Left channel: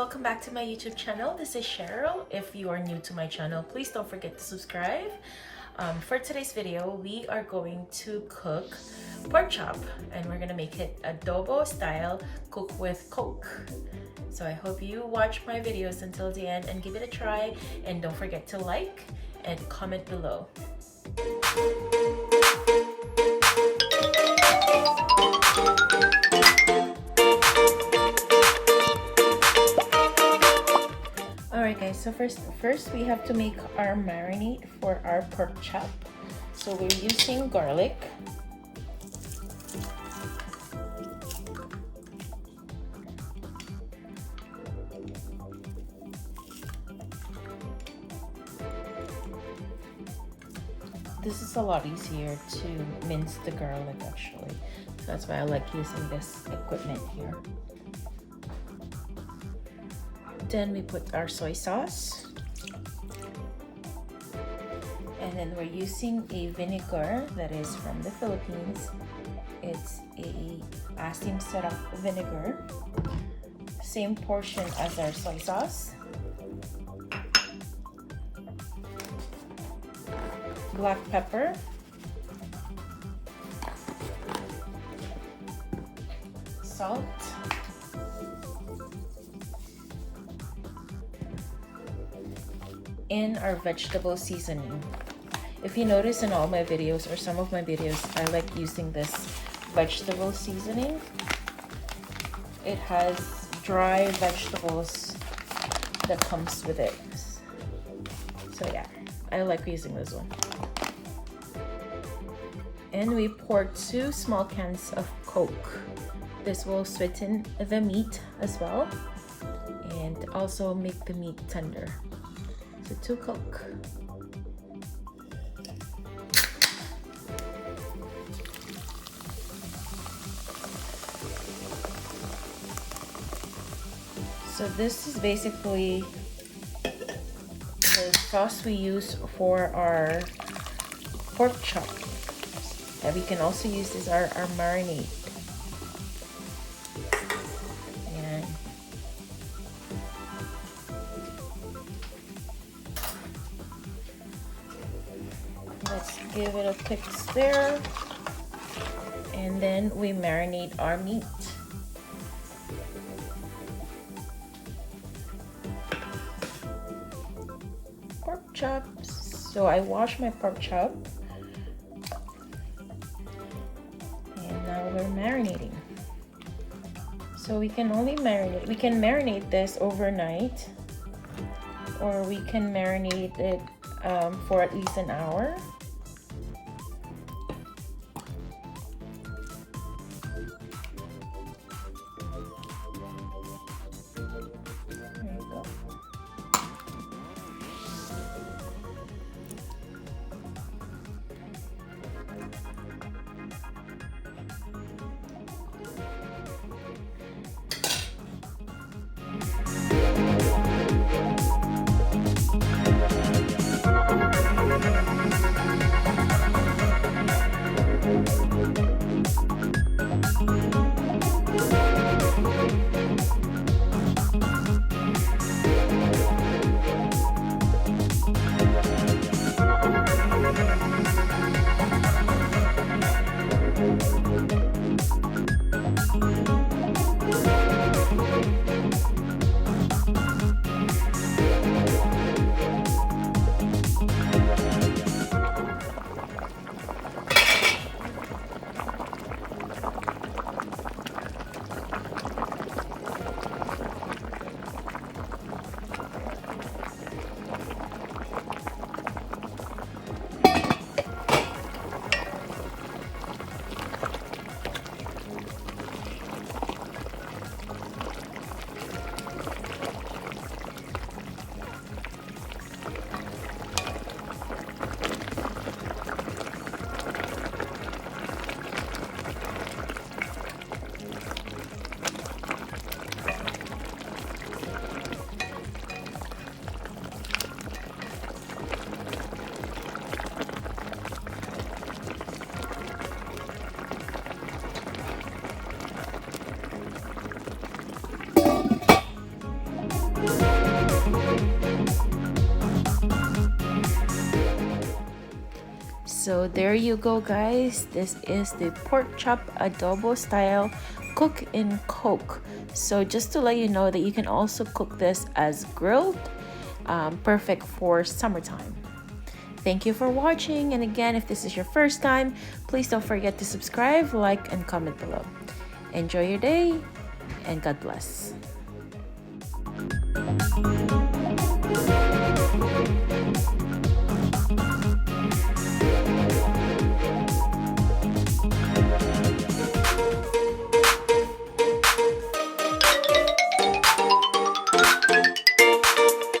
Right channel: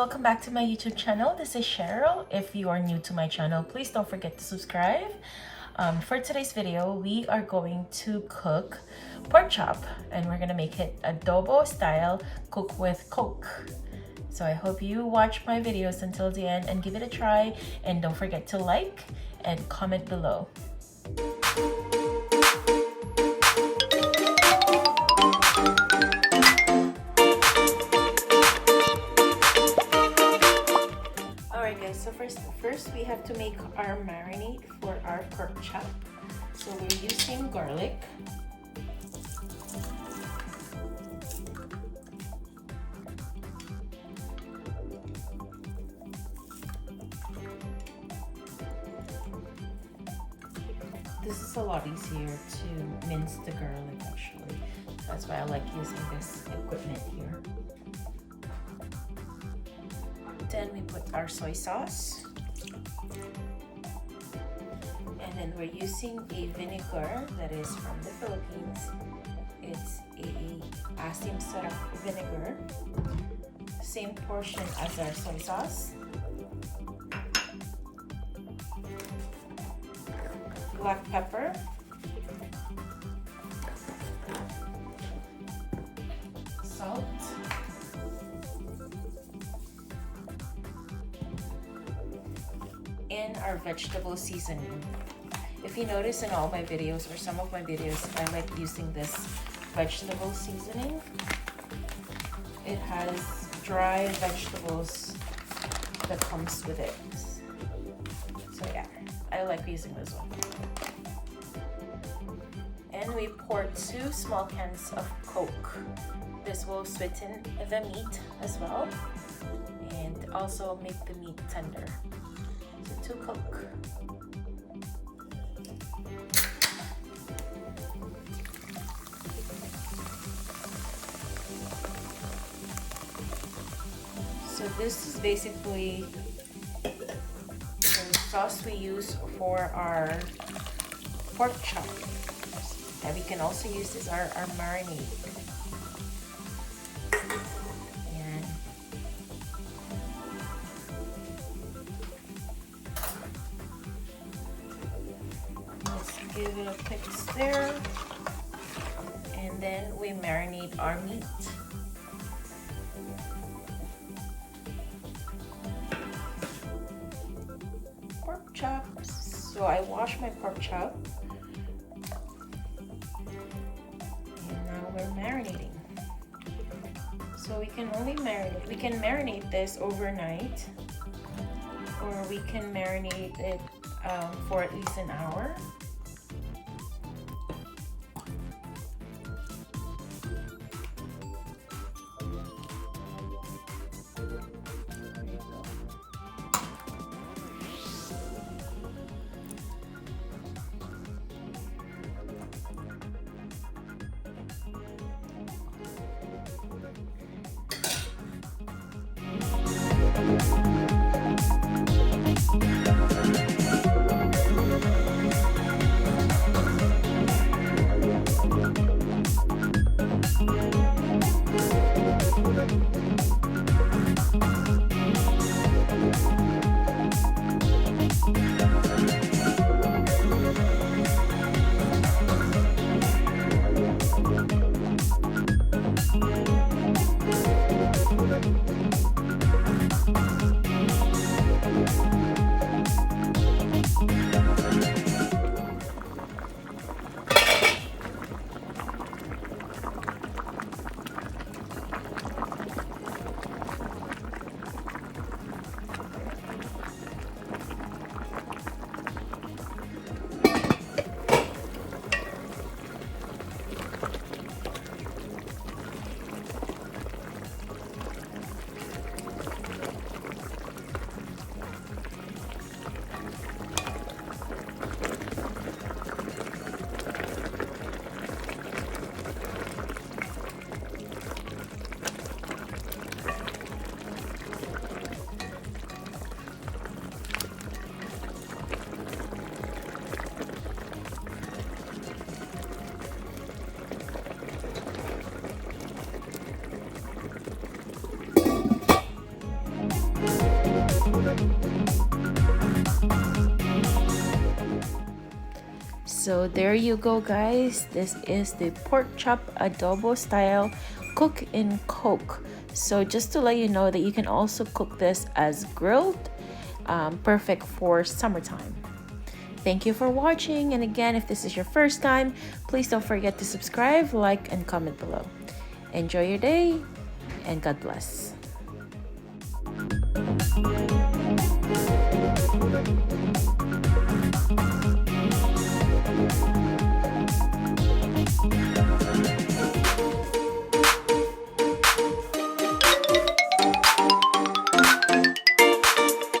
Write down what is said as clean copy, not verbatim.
welcome back to my YouTube channel. This is Cheryl. If you are new to my channel, please don't forget to subscribe. For today's video, we are going to cook pork chop and we're gonna make it adobo style, cook with Coke. So I hope you watch my videos until the end and give it a try, and don't forget to like and comment below. So first we have to make our marinade for our pork chop. So we're using garlic, this is a lot easier to mince the garlic actually. So that's why I like using this equipment here. Then we put our soy sauce, and then we're using a vinegar that is from the Philippines. It's a asim syrup vinegar, same portion as our soy sauce. Black pepper, salt, and our vegetable seasoning. If you notice in all my videos or some of my videos, I like using this vegetable seasoning. It has dry vegetables that comes with it. So yeah, I like using this one. And we pour 2 small cans of Coke. This will sweeten the meat as well and also make the meat tender. To cook. So this is basically the sauce we use for our pork chop. And we can also use this our marinade. Give it a quick stir, and then we marinate our meat. Pork chops. So I wash my pork chop, and now we're marinating. So we can marinate this overnight, or we can marinate it for at least an hour. So there you go, guys. This is the pork chop adobo style cook in Coke. So just to let you know that you can also cook this as grilled, perfect for summertime. Thank you for watching, and again, if this is your first time, please don't forget to subscribe, like, and comment below. Enjoy your day, and God bless.